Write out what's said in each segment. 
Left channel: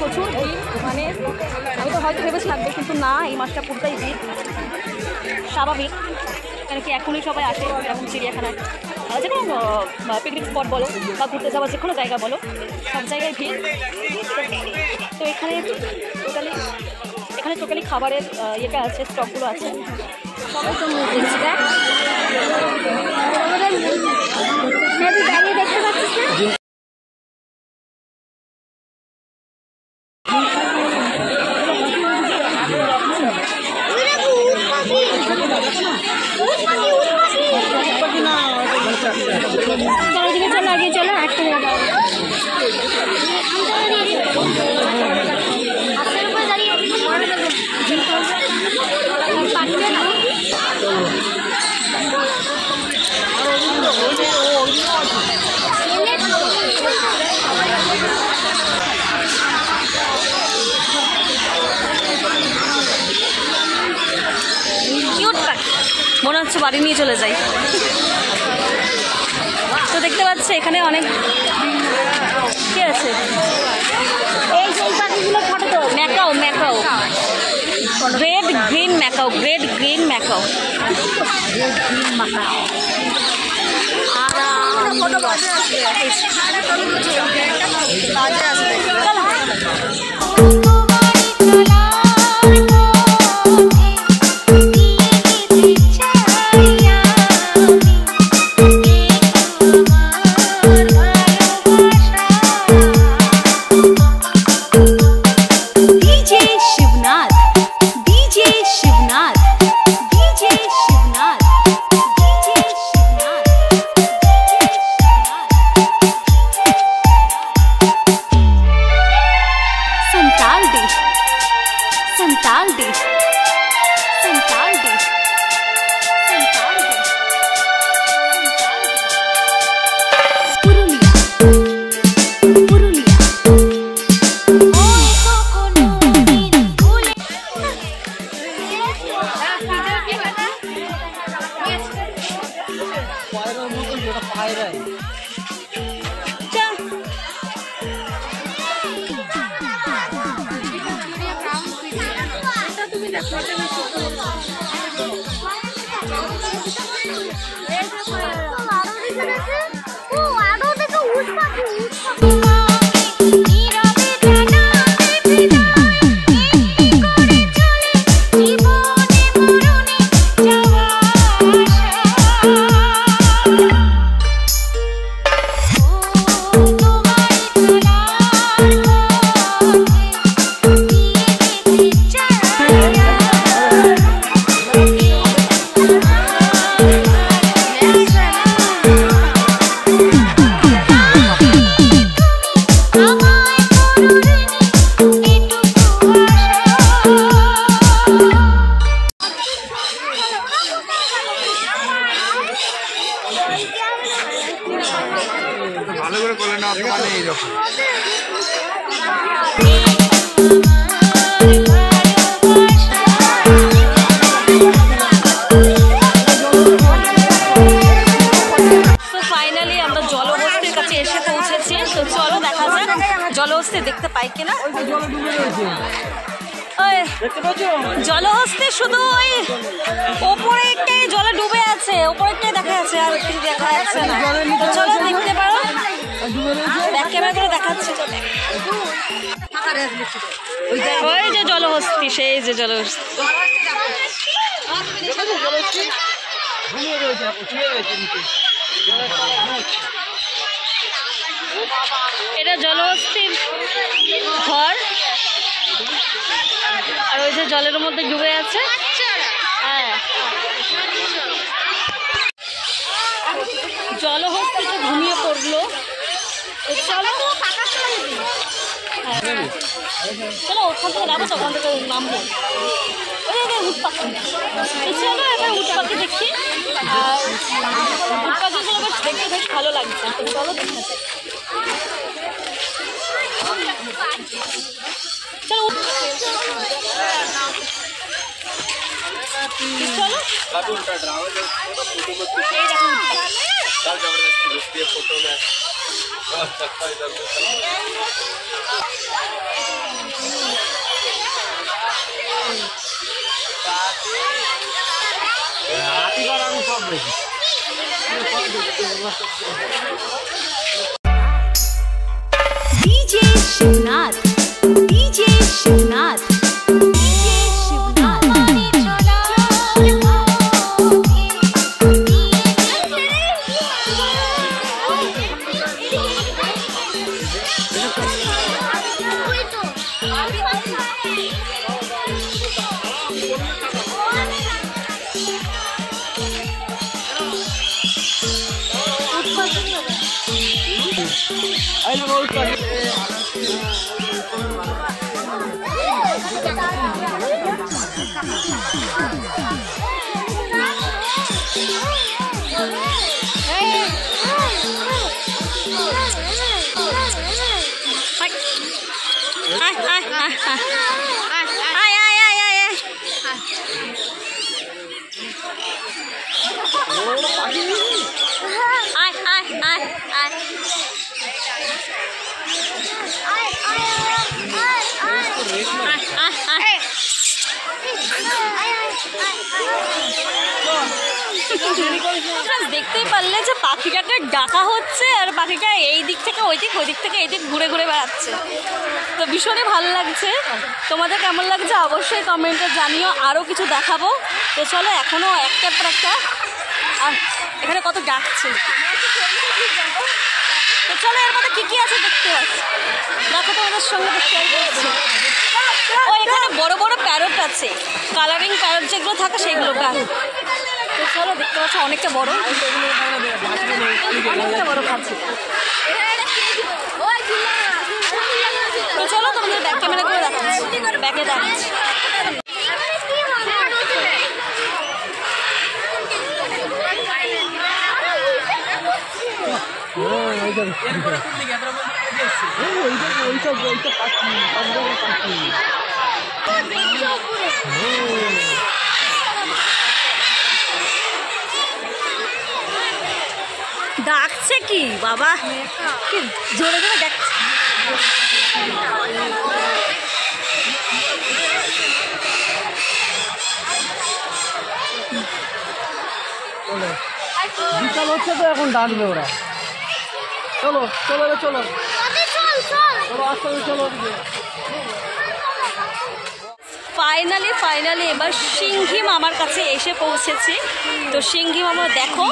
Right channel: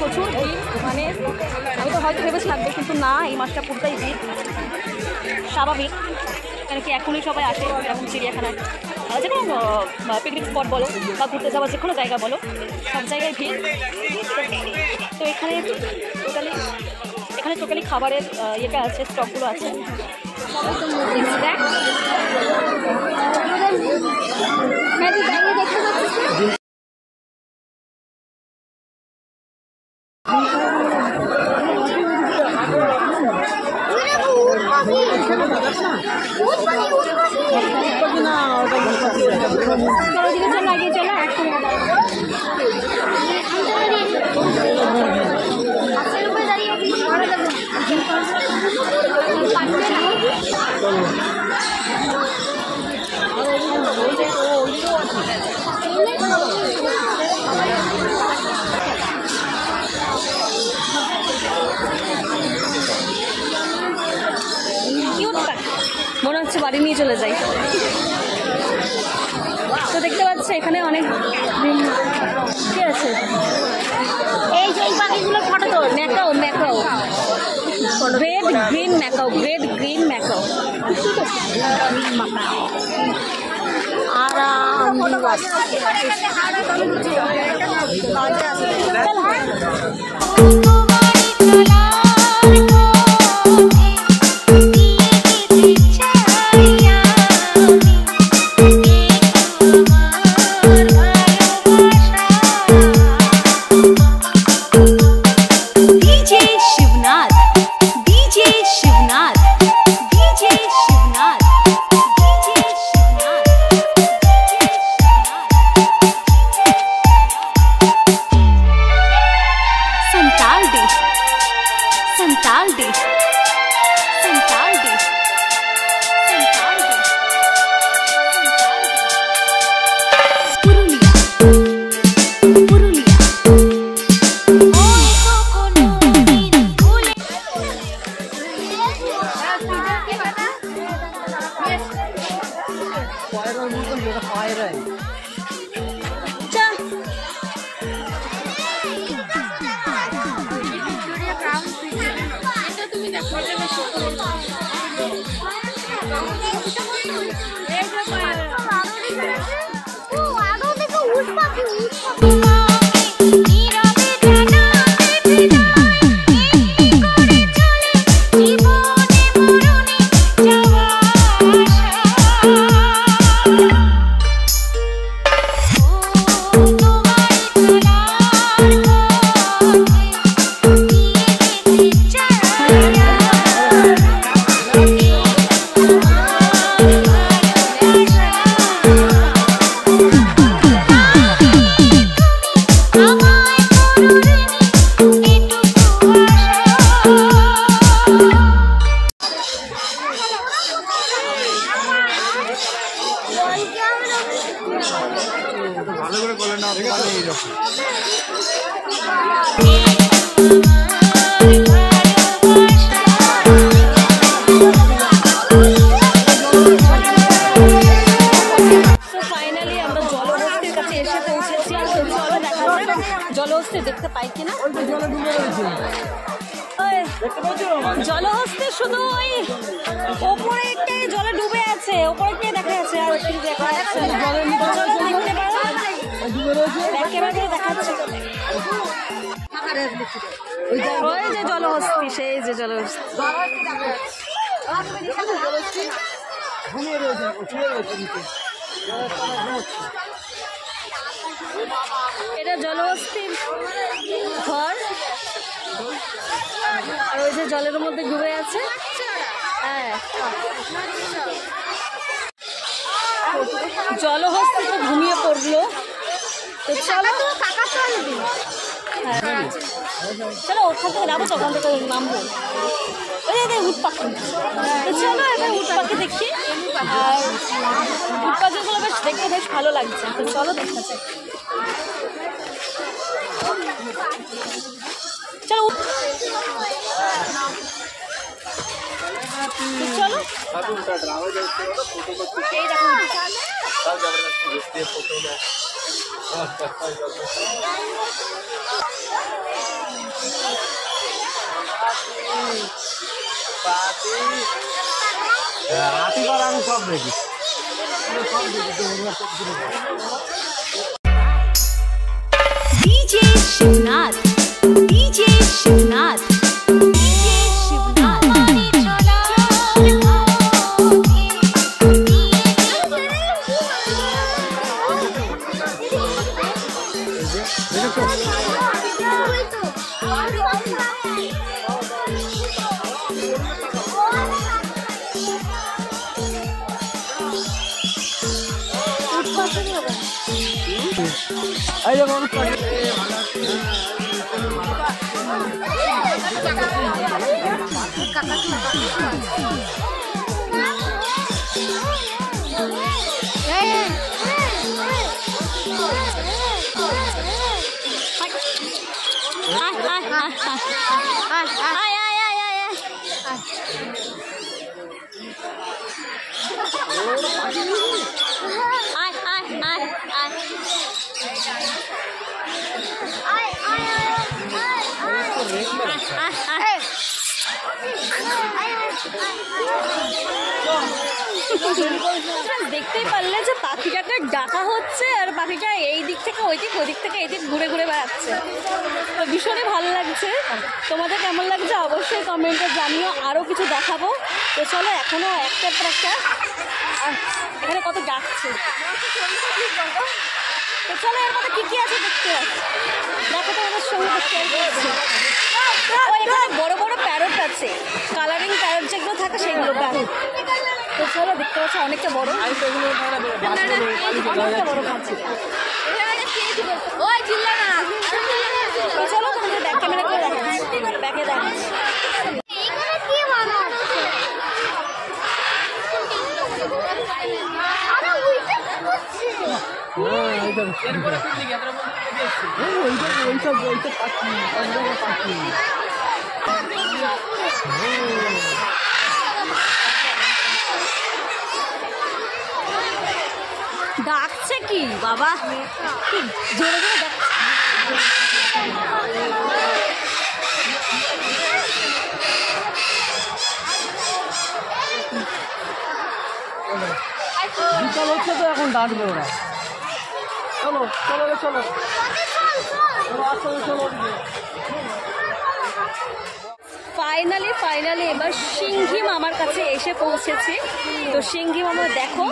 প্রচুর ভিড় মানে আমি তো হয়তো ভেবেছি থাকবে, কিন্তু না, এই মাসটা পুরোটাই ভিড়, স্বাভাবিক। কেন কি এখনই সবাই আসে এরকম চিড়িয়াখানায়, যে কোনো পিকনিক স্পট বলো বা ঘুরতে যাওয়ার যে কোনো জায়গা বলো, সব জায়গায় ভিড়। তো এখানে টোটালি খাবারের ইয়েটা আছে, স্টকগুলো আছে। সবাই তো দেখছি দেখ, দেখতে পাচ্ছিস না? মনে হচ্ছে বাড়ি নিয়ে চলে যাই। তো দেখতে পাচ্ছি এখানে অনেক কি আছে, এই যে পাখিগুলো ফটো তো ম্যাকাও গ্রেট গ্রিন ম্যাকাও। জলহস্তি দেখতে পাই কিনা, জলহস্তি শুধু ওই ওপরে একটাই জলে ডুবে আছে, ওপরেরটাই দেখা যাচ্ছে, আর কিছু দেখা যাচ্ছে না। তো চলো দেখতে পারো, ব্যাক ক্যামেরা করে দেখাচ্ছে। ওই যে জলহস্তি, সেই যে জলহস্তি। এটা জলহস্তির ঘর, আর ওই যে জলের মধ্যে ডুবে আছে। হ্যাঁ, জলহস্তি তো ঘুমিয়ে পড়লো। তো চলো হ্যাঁ চলো ওখান থেকে নামবো, ওখান থেকে নামবো। ওই উট পাখি, তো চলো এবার উট পাখি দেখি। আর উট পাখিগুলো বেশ দেখতে বেশ ভালো লাগছে, তো চলো দেখা যাক। চলো চলো এই দেখো DJ Shivnath, DJ Shivnath, DJ Shivnath. দেখতেই পারলে যে পাখিটাকে ডাকা হচ্ছে আর পাখিটা এই দিক থেকে ওই দিক, ওই দিক থেকে এই দিক ঘুরে ঘুরে বেড়াচ্ছে। তো ভীষণই ভালো লাগছে। তোমাদের কেমন লাগছে অবশ্যই কমেন্টে জানিও। আরও কিছু দেখাবো। তো চলো, এখনও একটার পর একটা। আর এখানে কত ডাকছে। তো চলো, এর মধ্যে কী আছে দেখতে পাচ্ছি। দেখো তোমাদের সঙ্গে শেয়ার করছি। ও এখানে বড় বড় প্যারট আছে, কালারিং প্যারট যেগুলো থাকে সেগুলো প্যারট। তো চলো, দেখতে পাচ্ছ অনেকটা বড়, অনেকটা বড় খাচ্ছি। তো চলো, তোমাদের ব্যাক ক্যামেরা করে দেখাচ্ছি, ব্যাকে দেখাচ্ছি। ডাকছে কি বাবা, কি জোরে জোরে ডাকছে। বিকাল হচ্ছে তো এখন ডাকবে ওরা। চলো চলো চলো ফাইনালি এবার সিংহি মামার কাছে এসে পৌঁছেছি। তো সিংহি মামা দেখো,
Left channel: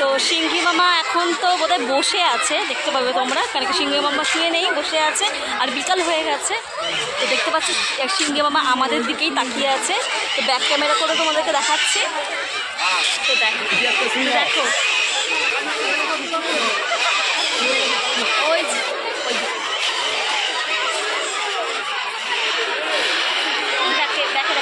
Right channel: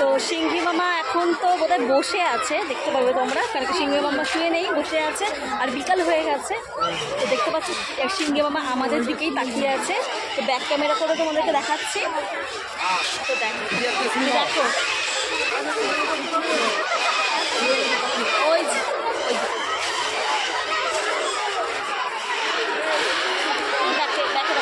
তো সিংহি মামা এখন তো বোধহয় বসে আছে, দেখতে পাবে তোমরা, কারণ কি সিংহি মামা শুয়ে নেই, বসে আছে। আর বিকাল হয়ে গেছে। তো দেখতে পাচ্ছ সিংহি মামা আমাদের দিকেই তাকিয়ে আছে। তো ব্যাক ক্যামেরা করে তোমাদেরকে দেখাচ্ছি। তো দেখো ওই ব্যাকে দেখা।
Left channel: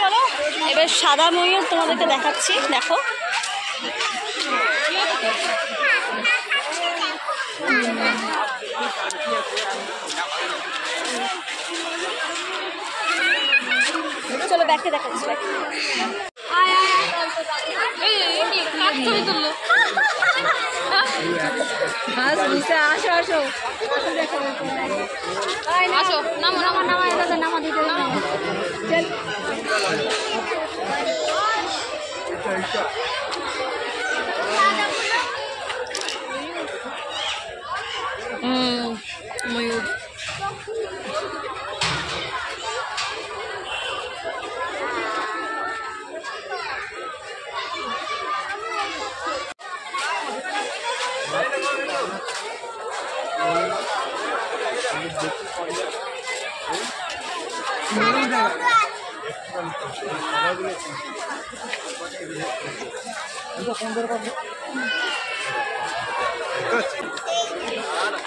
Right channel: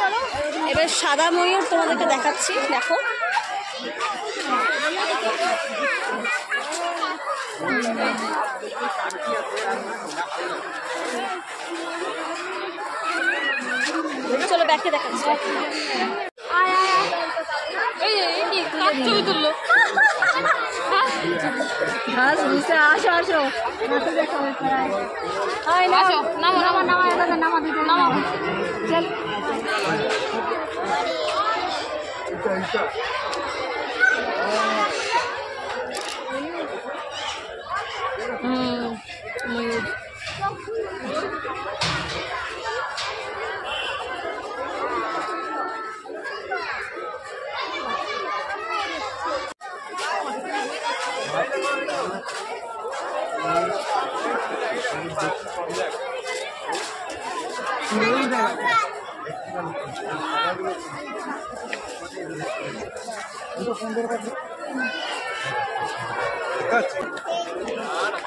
চলো এবার সাদা ময়ূর তোমাদেরকে দেখাচ্ছি, দেখো। চলো ব্যাগকে দেখাচ্ছি। ময়ূর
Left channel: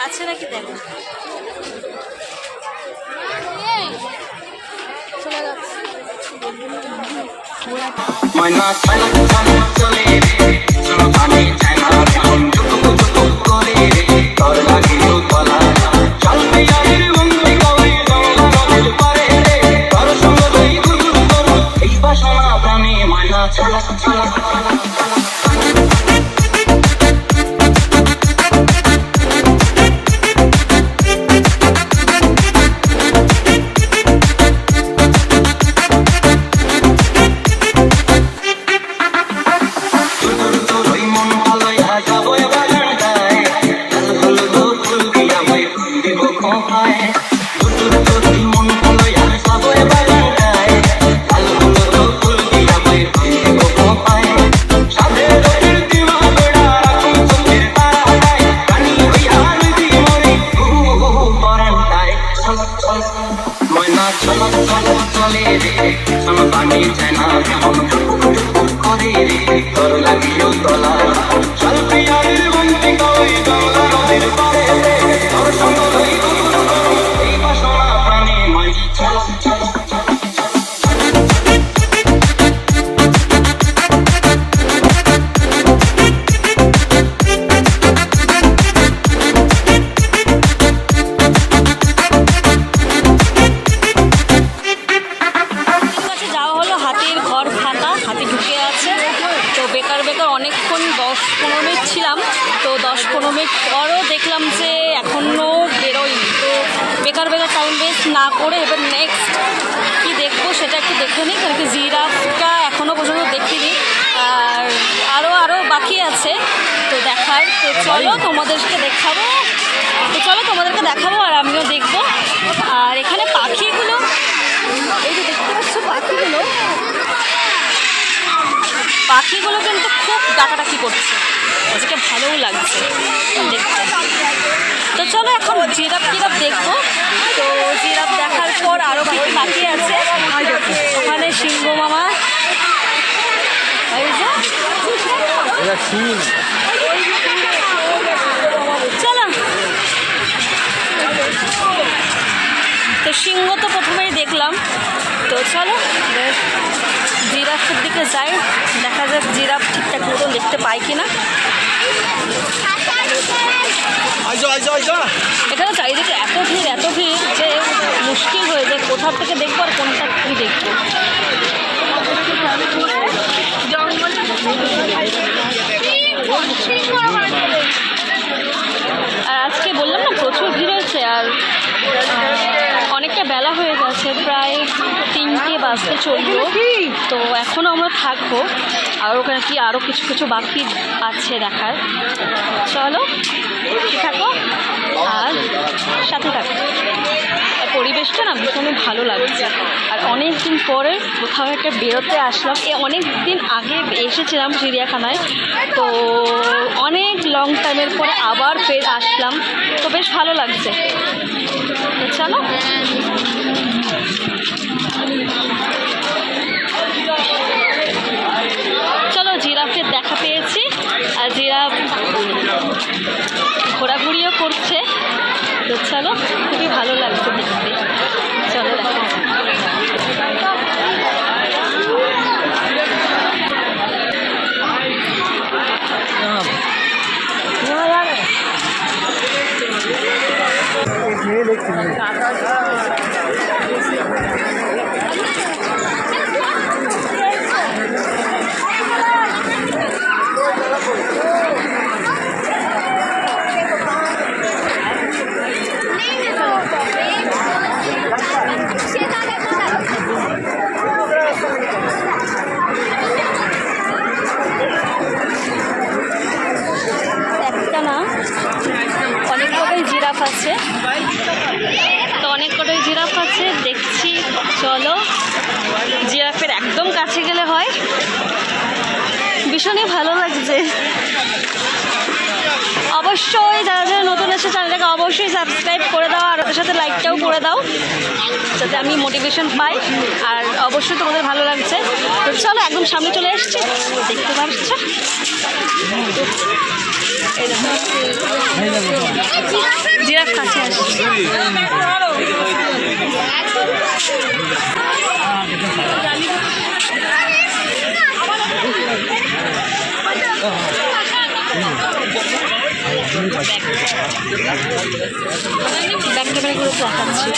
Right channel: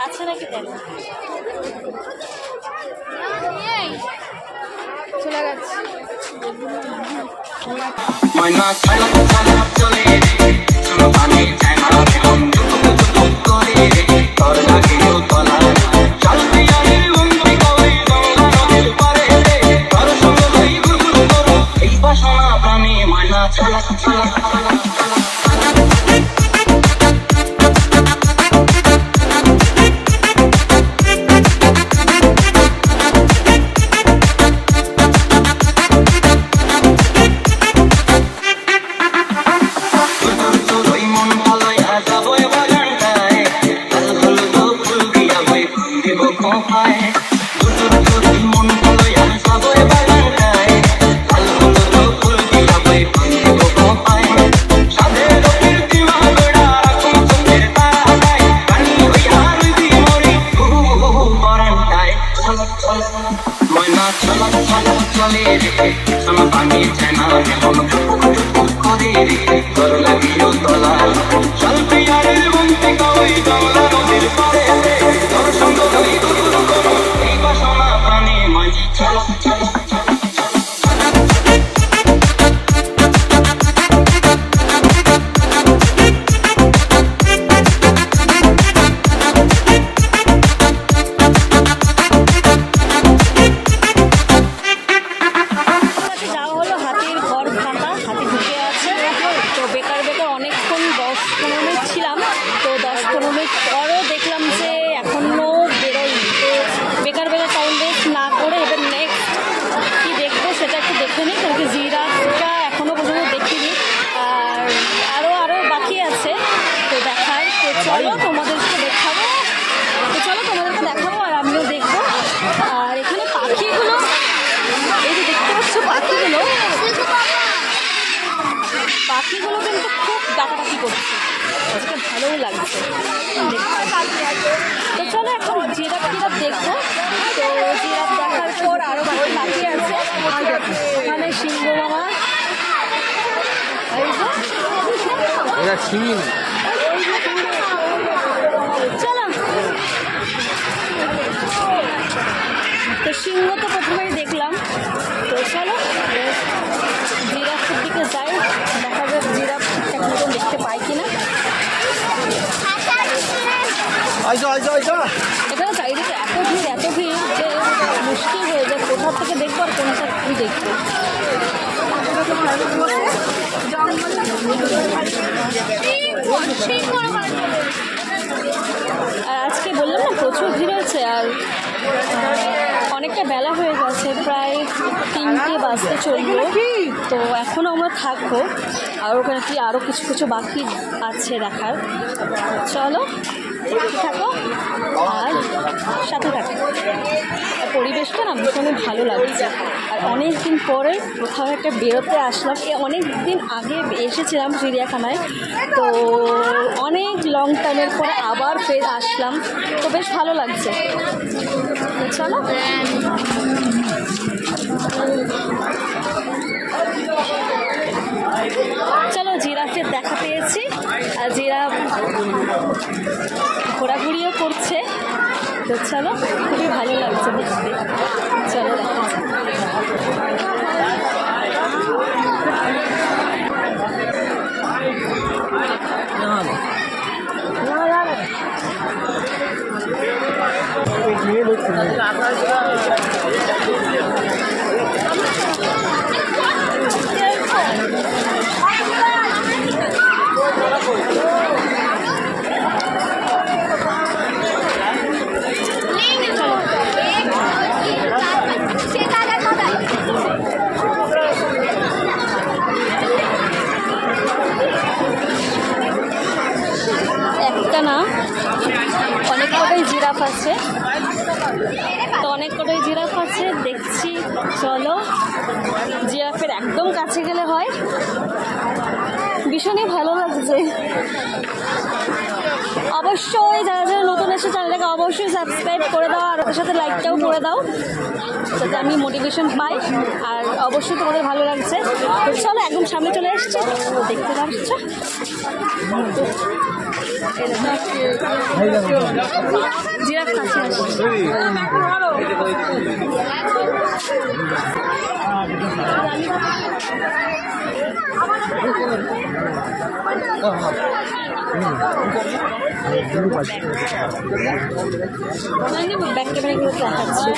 আছে নাকি দেখ, চলে যাচ্ছে। ময়না চলা চলা চলে রে চলো পানি টানা মন টুকু টুকু করে রে তোর লাগিও তলা চল পিয়ারের বন্দি কই গঙ্গা নদীর পারে রে তোর সঙ্গ লই গুরু করো এই বাসনা প্রাণী ময়না চলা চলা চলা চলা ময়না চলা চলা চলে রে সোনা পানি চায়না মন করে রে তোর লাগিও তলা চল পিয়ারের বন্দি কই গঙ্গা নদীর পারে রে তোর সঙ্গ লই গুরু করো এই বাসনা প্রাণী ময়না চলা চলা অনেকক্ষণ 10-15 মিনিট ছিলাম, তো 10-15 মিনিট পরও দেখলাম যে এখনও বেরোয়নি। তো বেকার টাইম ওয়েস্ট না করে এবার নেক্সট কি দেখবো সেটা একটু দেখে নিই, কারণ কি জিরাফটা এখনও পর্যন্ত দেখিনি আর আরও বাকি আছে তো দেখার। তো চলো তোমাদেরকে দেখাবো আর আমিও দেখবো। আর এখানে পাখিগুলো, এই যে দেখতে পাচ্ছ পাখিগুলো কিন্তু খুব ডাকাডাকি করছে, আজকে ভালোও লাগছে দেখতে। তো চলো এখন জিরাফ দেখবো। তো জিরাফ দেখার পর আরও বাকি আছে, ওখানে সিংহ মামা, চলো। তো সিংহ তো প্রথমেই দেখলাম, তো চলো জিরাফের দিকে যাই, দেখা যাক জিরাফ ঠিকঠাক মতন দেখতে পাই কিনা। এখানে চারিদিকে এত ভিড় যে মুশকিল হয়ে যায় কোথা থেকে দেখবো আর কোনটা কি দেখবো। আর আজকে বললাম না প্রচুর ভিড় হয়েছে, আর অনেকটা বেলা হয়ে গেছে, প্রায় 3টে বাজতে চললো। তো এখনও আমরা থাকবো, আর ওখানে কি আরও কিছু বাকি আছে দেখার। চলো থাকো আর সাথে থাকো। পরিবেশটা না ভীষণই ভালো লাগছে, আর অনেক দিন পরে কোথাও একটা বেরোতে আসলাম। অনেক দিন আগে এসেছিলাম চিড়িয়াখানায়, তো অনেক লং টাইমের পরে আবার ফের আসলাম, তো বেশ ভালো লাগছে। তো চলো জিরাফের দেখা পেয়েছি, আর জিরাফ ঘোরাঘুরিও করছে। তো চলো খুবই ভালো লাগছে দেখতে, চলো দেখা যাক। একটা না অনেক কটাই জিরাফ আছে, তো অনেক কটাই জিরাফ আছে দেখছি। চলো জিরাফের একদম কাছে গেলে হয়, ভীষণই ভালো লাগছে। অবশ্যই যারা যারা নতুন এসে চ্যানেলটাকে অবশ্যই সাবস্ক্রাইব করে দাও, আর ওদের সাথে লাইকটাও করে দাও যাতে আমি মোটিভেশন পাই, আর অবশ্যই তোমাদের ভালো লাগছে। তো চলো একদম সামনে চলে এসছি, দেখতে পাচ্ছ জিরাফ কাছে আসছে। ব্যাক ক্যামেরাগুলো দেখাচ্ছি।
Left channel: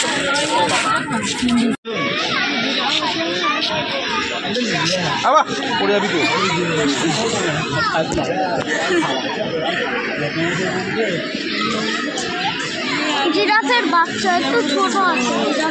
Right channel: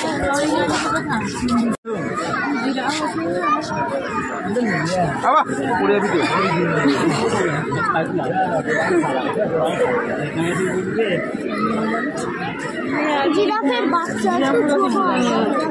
জিরাফের বাচ্চা এত ছোট।